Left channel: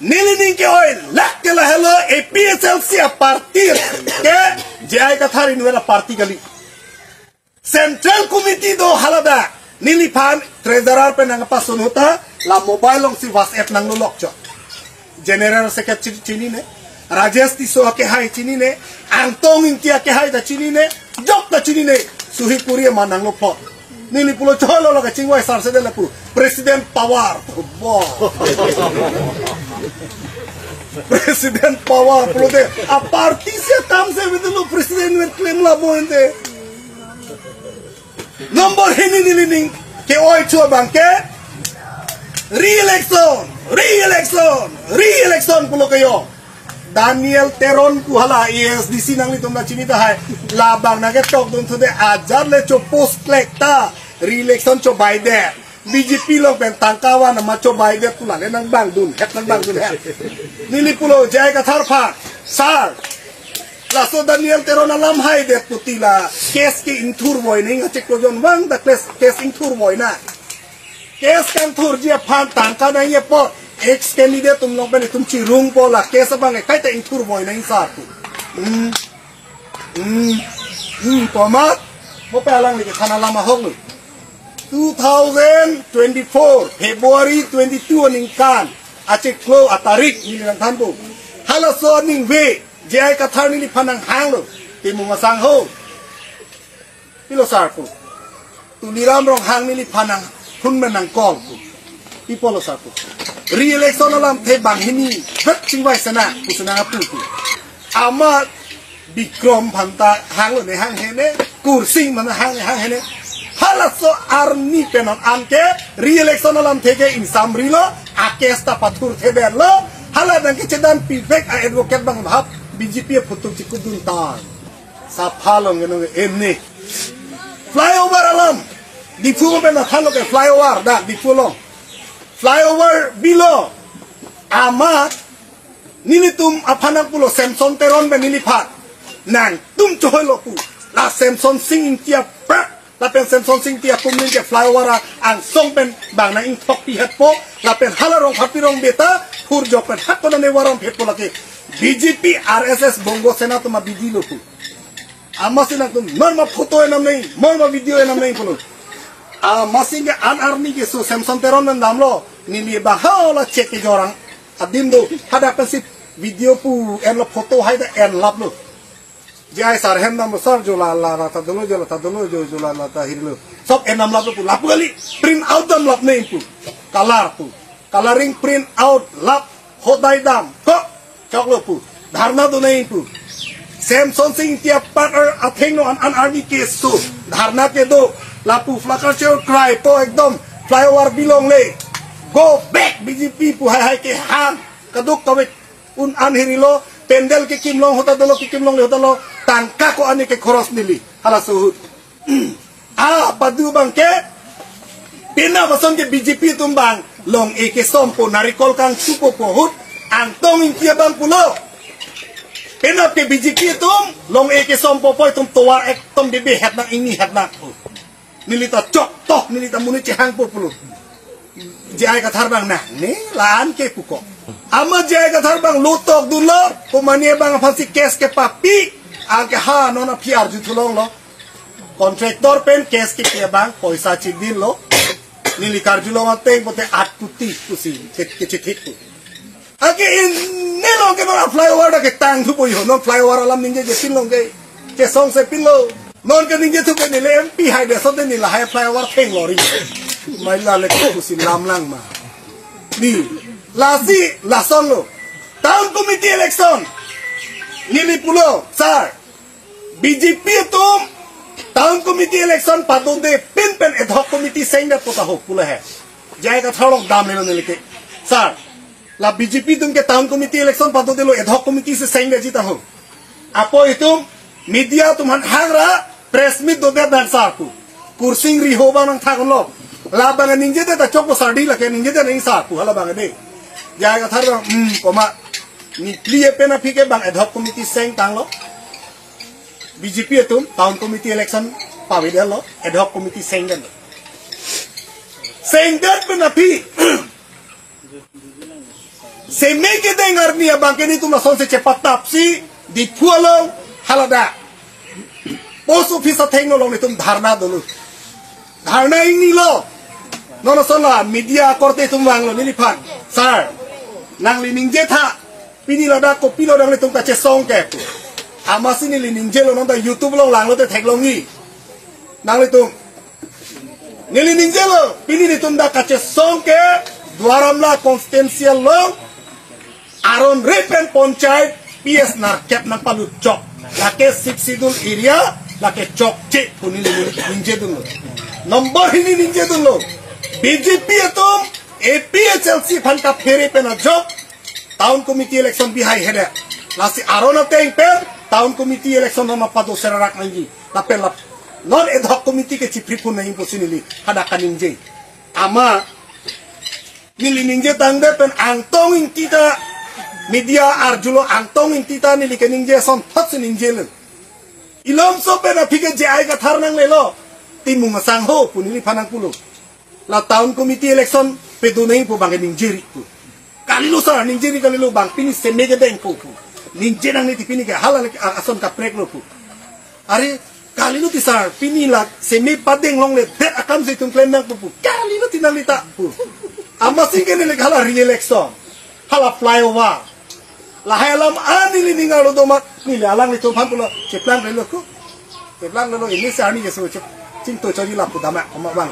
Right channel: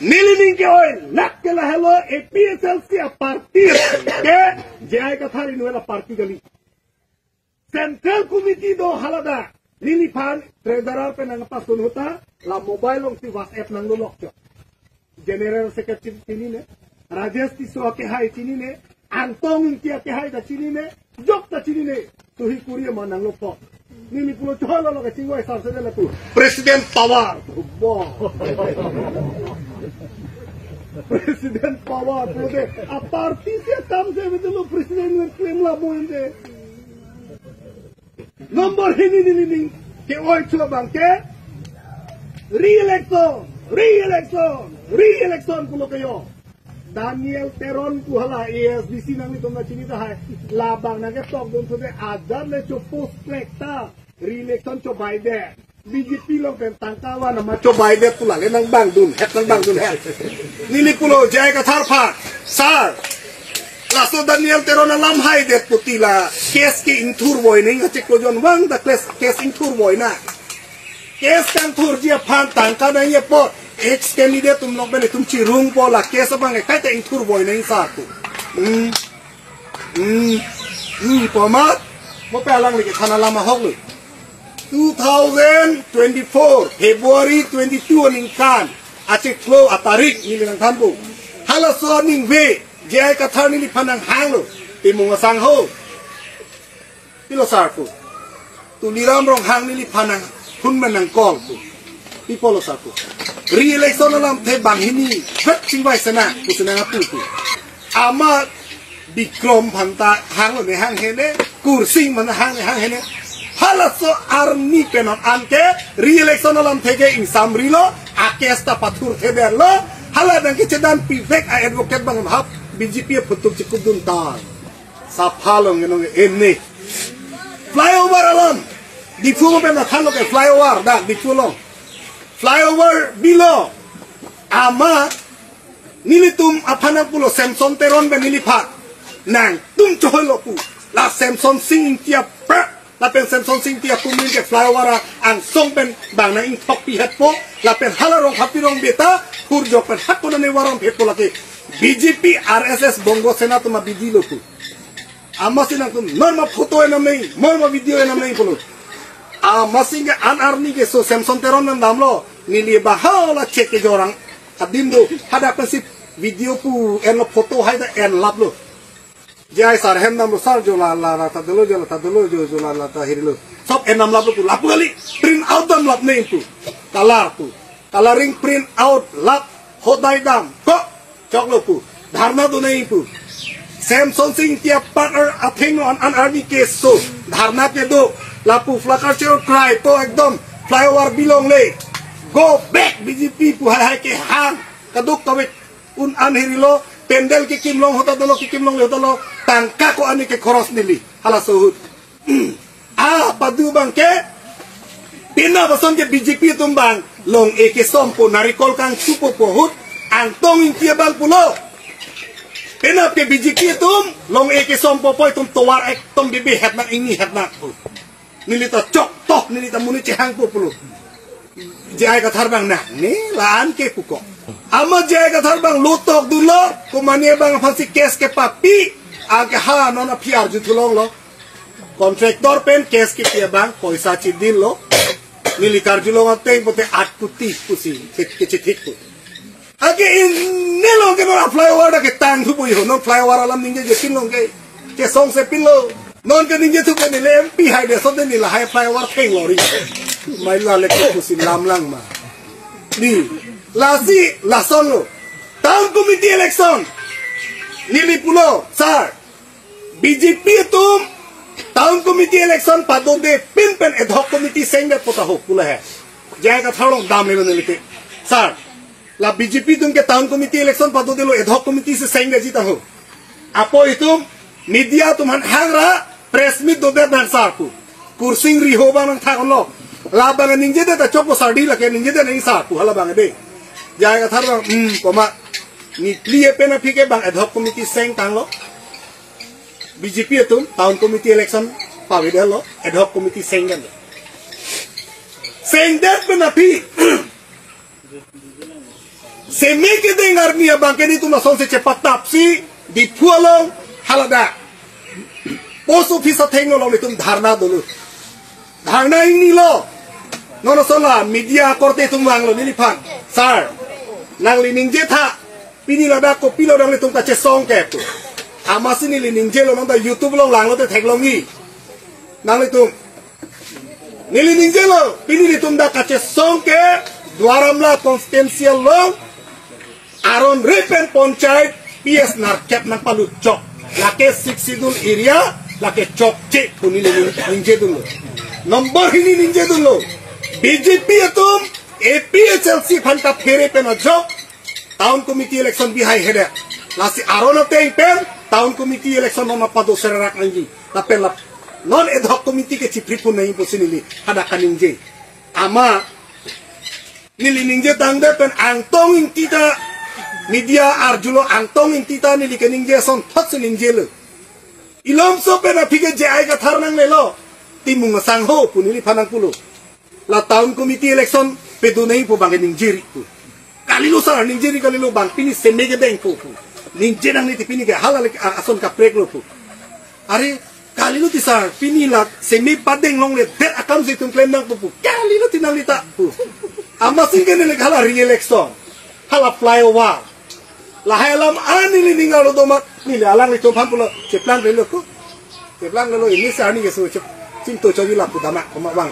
Nilining ke oi lak ke la hello APSL sia parti ke jai ka thari nuela parti gali Central Committee do halada nilipan treasurer pe nang pasun hota la mobile long si WhatsApp nang lolok cho General Secretary chini ne Rajesh Tiso ke hai chini ne Antong Intia ke hai da chini ne Jok da chini ne Suhipuri manang lo pot Nili pulo cholo lo ka chingwai sar se de la pu President Pawar President Pawar pulo de a parti se tam se vedelo president wer claim la boende Nomor hini nilining ke oi chua bangke re-election pulo kayo Daniel Teron kuhala ASDC nang litong na chinita hai labang nagetok dun to de ajar le cho post lekta re-election cho Biden BJP lo pen tangkawa na macho Biden pula le nang bang dun het nang bang dun het nili pulo jai ka tharpa sar laso Daniel Teron alam hai de putila case ke intur boy ning chek ko jon wang da case intur boy na case kan thur dia phan tangka na ye pot ex candidate तुम लोग बने तुम चिरूंग बोला कैसे बंगे कहते इंथुर बोय नहीं साथु पमात वो पहला लेके खाना लामा हो गई 2024 February 22 निकान आचे क्लो अतारिक निलन थांबु हला सो निंग वे जय कथा नि फनंग हांग लो तिमुंग सांग हो तिलो सारकु तु निराम रंग हांग नि फनंग थुन Manang call People satu. Re-election alam te bang ini het singwai sana kusana putu. Ama Bikrom phanta hang lo ne hang hene kursing mana hang hene. Halaso army penon anke re-election alam tege insam rilo akesta patur tebe lo hala dang ke cedan pivek a advocate bang hap BJP putuk cikudun tan. Saphalong enong enne. Flyover alam di fugo penon halo ke flyover dak di fulong. Flyover below ama nilitum apanak pulo Samson Teron ben nilipat nang tum choholo pu la Samson sing tia pra la pen Samson sing tia tum nin ke flyover ang song ben bang na ing thok pi hat po la pen halarong hapirong beta pur jok pen hakona ne warom phet pola ke BJP RSS Bongo Sena tuma bidilo pu ama sinang tum norma photo enam nei norma video enam nei pulo masing ke anarni ke so Samson Teron nam damlo nili bahala cek ke jorang adindo hada pensip video pu en foto hai da en lap lo jai sar hem nam sar jola la ta dolo jo jola la ta hirlo sob en nam lap pu lap gali print out dam lap nei pu color pu coloring print out lap hodai dam ko chok lo pu dharna do nei pu Samson Singh tia partner atheng no an army ke so dharna ke do lapu flakar cheo cry to ekdom flyover bilong le go back BJP pu hai ke han kaduk tawek un an hirilo pendel ke kimlong hota dolo ke kimlong le hota lo tangka ko ani ke khoros nili hala suhut padu bang ke pina bason ke BJP tumbang long e ke sompo narikol kang supo po hut ang tongin kia bang pulo pina ke BJP tum long e ke sompo po tum tuwar ek tum bibi het nak ini het nak nilita cok toh nilita muni cehang po pulo jai ka tharbang na ni laan ke puko ama jai ka tharbang lutok dulo kumania bang phansi case ke papi age ha nona phiar jutulong lo kontraktor pen case ke pia bang paisa chidin lo nilikar julong ateng pote at kuti kusi ke chithik pu age nelong ke nona flyover da ke tang thu poi ho non flyover alam ninge ke pinlong ke song se pinlo non ke ninge thu ke ni le MP hai de so de ni la hai flyover theng lori Maila leko kusi lam lang ma. Ni lasi lasalo. Town committee election. Nili pulo sir. BJP tum town committee election pado de pin pen ad hoc committee sing de pota ho pula hai. Jai ka thalong dam le nilike. Sir. La BJP tum ke town committee election pado de lo ad hoc committee se sing de jita ho. Apo itum media tum han hangra press meet do de dan sar ku. Kursing ri ho bang thak lo. La bang ninje de ta chok sardi la ke ninje de nei sa ku hala bang de jai ka thar koma ni clear pe na phike bang ad hoc committee seng tang lo BJP tum town committee election pa wi de lo ad hoc committee seng de pe na phi Seme ke dengar ni abang ke ni tu na son se cepat tapsi di pualong halada. Post office theng lo tum dharna dulu. Dharna ini lo. Nono sola media korte tum wang lo niliphan. Sir. Nang lining je tha. Pini lo da ko pilo dang le tum ka che song ke. Amasi ni lining je lo nang da YouTube lo lang lo te thek lo ngi. Nang le tum. Ni lining je lo pini ni tum da ka che song ke. Dwaramla constituency lo. Aron Ripen Ponchait PS Narkep nang palut chok lake Siksidul area lake chok cek puni ninje dulu nomor ini ninje dulu BJP atum APHLC phanta fere pen ajok town committee election bihai hede lasi aron ateng pen town committee election nama padu serak anji tapel non ad hoc committee ke chipri pun nahi posinili hada kaninje ama nili ninje tangde pen angtong intita media arjulo antong intita ni likening je son thot ning jele ilom so pe na phige je ai ka tharnang lelo timung sang ho punili phanang pulo la town committee election pe du nei po bang ning jiri pu kalilo sa ning jiri kalilo bang pini se mege deng po pu ning je nang ni tipini ke halal ason ka prek lo pu are kalilo ti sa pini la se me padeng long le bet akam se tum plan nang pu kalilo tinang lita pu amasing ke ne le hala re-election hala flyover lahai alam ani ni ningalo domak ni alang itu paham pula ceplang relo ku ceplang relo ini sani ke so cinto cobi la putama omak bang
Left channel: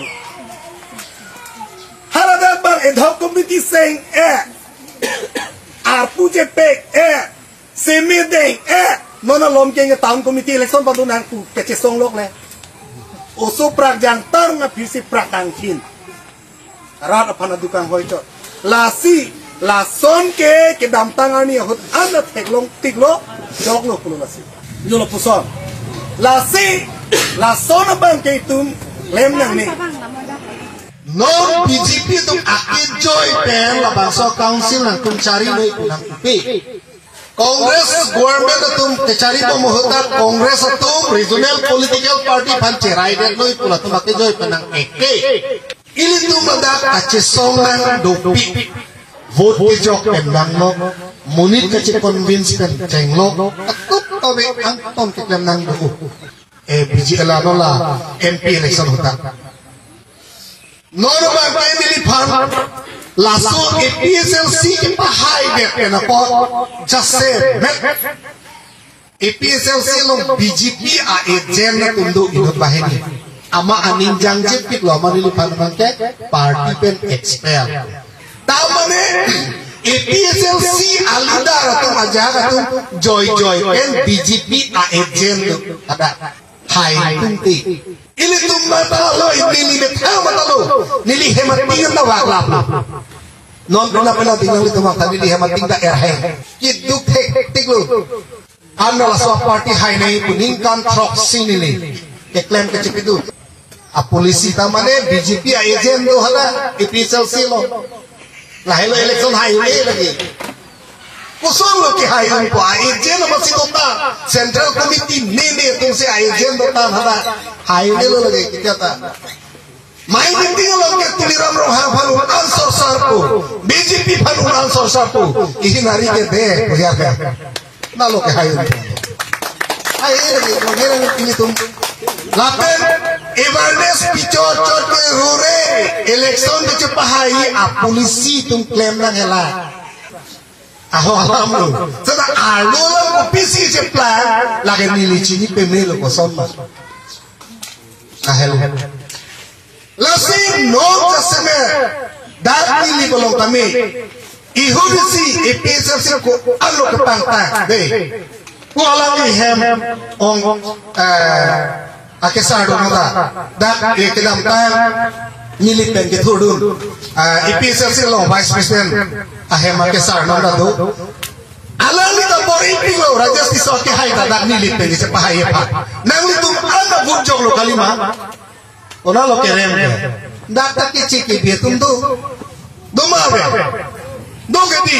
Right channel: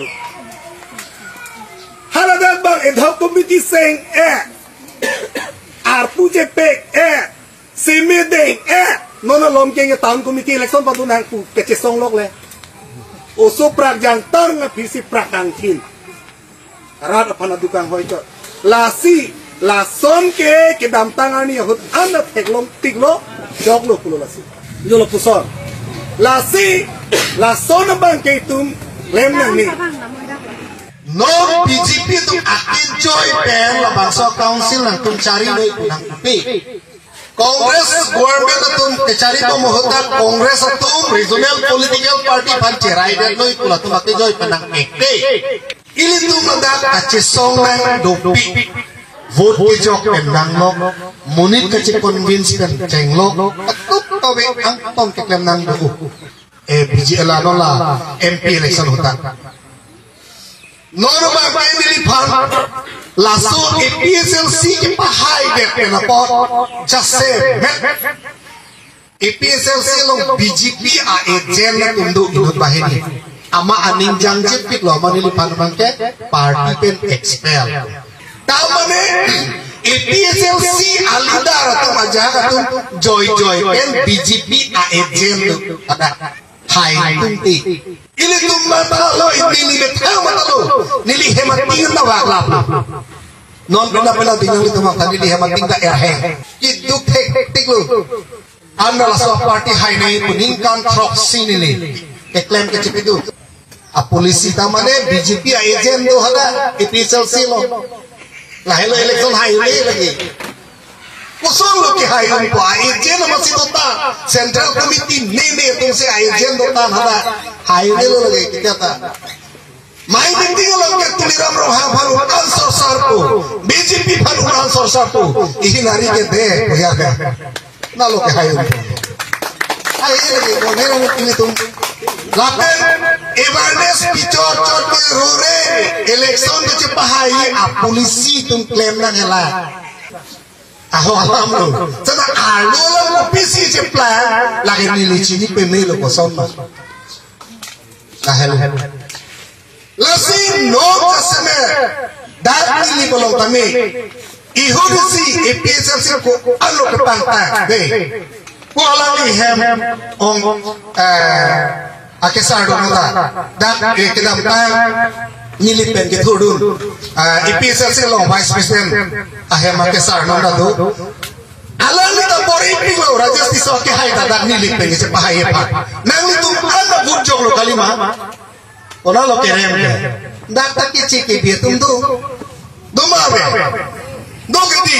haradan bang ad hoc committee saying arpu jepek semedeng nona lomkeng town committee election padu nang ku pece song lok le oso prak jang tar nga phisi prak angkin rat apana dukang hoito lasi la son ke dam tangani hot ana theklong tiklo joglo pulo lasi nyolo puson lasi la son bang ke tum lem nang ni non BJP tum akin joy pen la bangsa council nang tum cari loi punang pe Congress government tum ke cari to mohota Congress tum regional political party pan cerai der loi pula tum ake joy penang ekte ili tum ndak ache song nang dopi vote ke jok penang lo munit ke convince pen cenglo takut tobe angton ke penang do BJL la MP election hota normal family fan laso APSLC ke pahai be penapo just say APSLC no BJP a agent na tundo ino bahini ama aning jangjik pit lo manili fan mangke party pen expel tamane APSLC alida atau ajar atau joy pen BJP a agent ada hai tunti ini tumma lo ini betang matalo nili hematingan na wakla non pena tinggal di tempat tadi nili hemating da erheng itu tiglo amna la so party hai nei puningkan proxy nili eklem ke cipitu a polisi tamane BJP a agent do hala APSLC lo la hello election hai lagi kusol lo ki hai ko agent masih dota central committee nene to se agent dota hala hai lo lagi kita ta mai dindi lo ke tuliram ro ha phalu answer sar ko BJP phalu answer sar ko ihi nari ke de ya ga na lo ke hai lagi ko mera ini tum lapen awareness pichor chot ke rure election de pahai a polisi tum claim na hela aho alam lo sada alo lo pisi je plan lagi nili chini penelo ko somma ahel lasi no kaseme dat nili bolong tame ihurisi APSLC ko alo ke pangta be ko alami hem ong akesa do nada dat ekdam tang nili pen ke thudun APSLC lo vice president ahem akesa do nada do alali to bori pilo rajas ti soke hai dadak nili pen se pahai pa nang tu ana gurjong lo kalima ona lo keren data ki chiki bi tum do mawe do gadi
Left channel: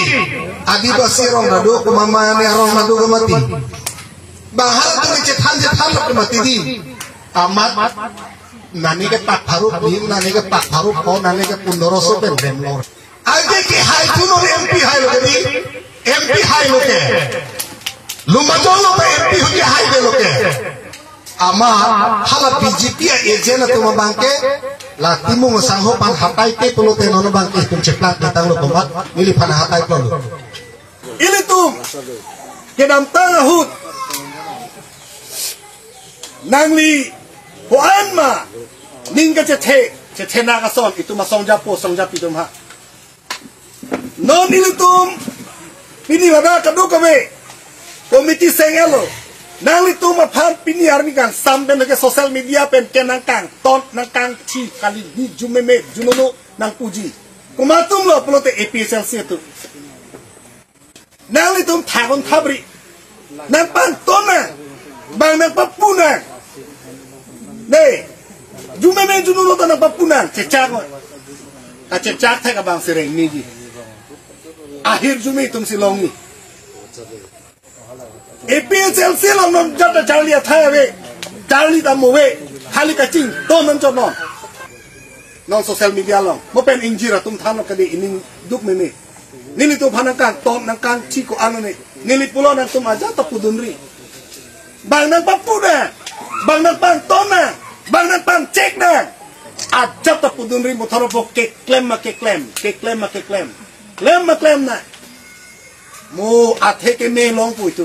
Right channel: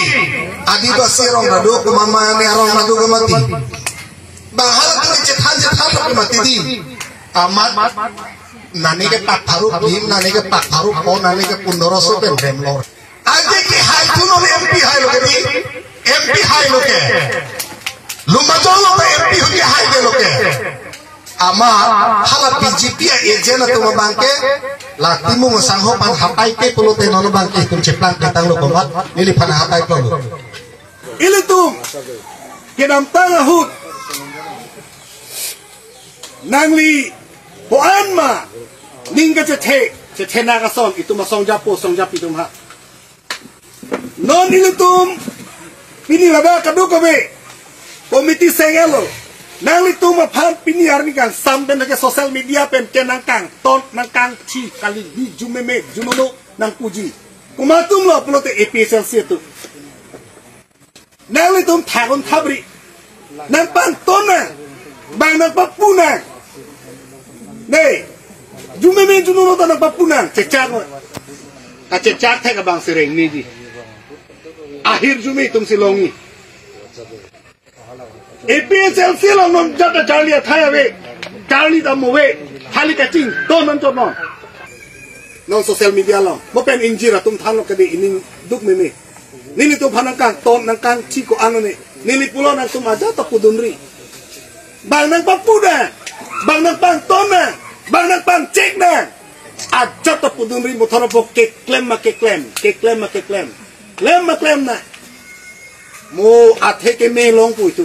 adibasi rong do ko man mane rong na do mati bang hal tu ni chan ko mati di amat nani ke pak haru bim nani ke pak haru ko nani ke pundoroso pen remlo Age ke hai tu no MP hai lo ke MP hai lo ke. Lumajong lo MP ho ke hai de lo ke. Ama hala BJP agent tu mabangke la timung sangho pan hapai ke pulo te nono bangke tum ceplang datang lo komat nili pan hapai pulo. Ini tu kedam tangahut nangli hoan ma ningga ce naga son itu ma songjap itu ma non ini tu pini lada kadu kame komiti sengelo nangli tu ma phan pini arni kan sampai ke sosial media pen kenangkang ton nangkang chi kali di jumeme junono nang puji kumatum lo pelote APSLC itu nangli tu thagon thabri nang pan tona bang nang papuna nei jumeme junono ta nang papuna cecak ka cecak thai ka bang sereng ni di akhir jume tum silongi APSLC lo non jata charlie thai ave charlie ta mowe khali ka ching ton non chon non social media lo mo pen injira tum than lo ka de inin duk meme nili tu phanangkang ton nangkang chi ko anone nili pulo nang tum aja ta pudunri bang nang papuna bang nang pang tona bang nang pang cek na aja ta pudunri mo tharo bo ke klem na mo athe ke me long pu itu